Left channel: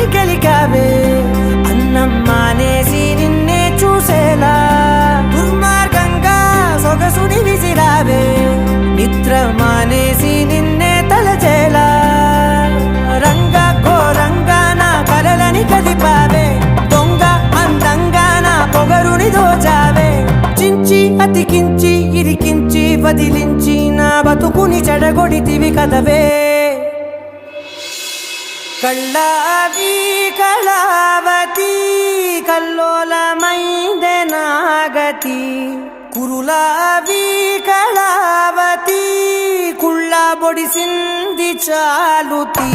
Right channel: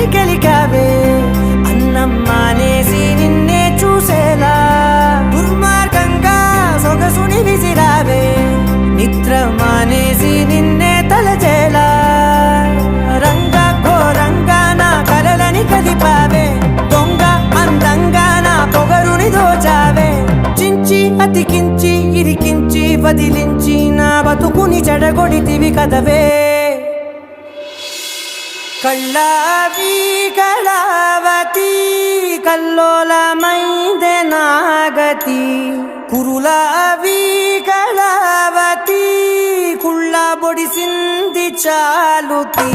కలని గెలికావే అన్నం మానేసి నిన్నే చూసేలా దుర్మార్గంగా సొగసుని విసిరావే నిద్ర మానేసి నిన్నే తలచేలా రంగా ఘోరంగా నా కలలని కదిపావే దొంగ అందంగా నా పొగరుని దోచావే చించి అతికించి ఇరికించి వదిలించి నా బతుకుని చెడగొడితివి కదవే కళ్ళావి కళావతి కల్లోలమైందే నాగతి కురులావి కళావతి కుళ్ళ బొడిసింది చాలుతి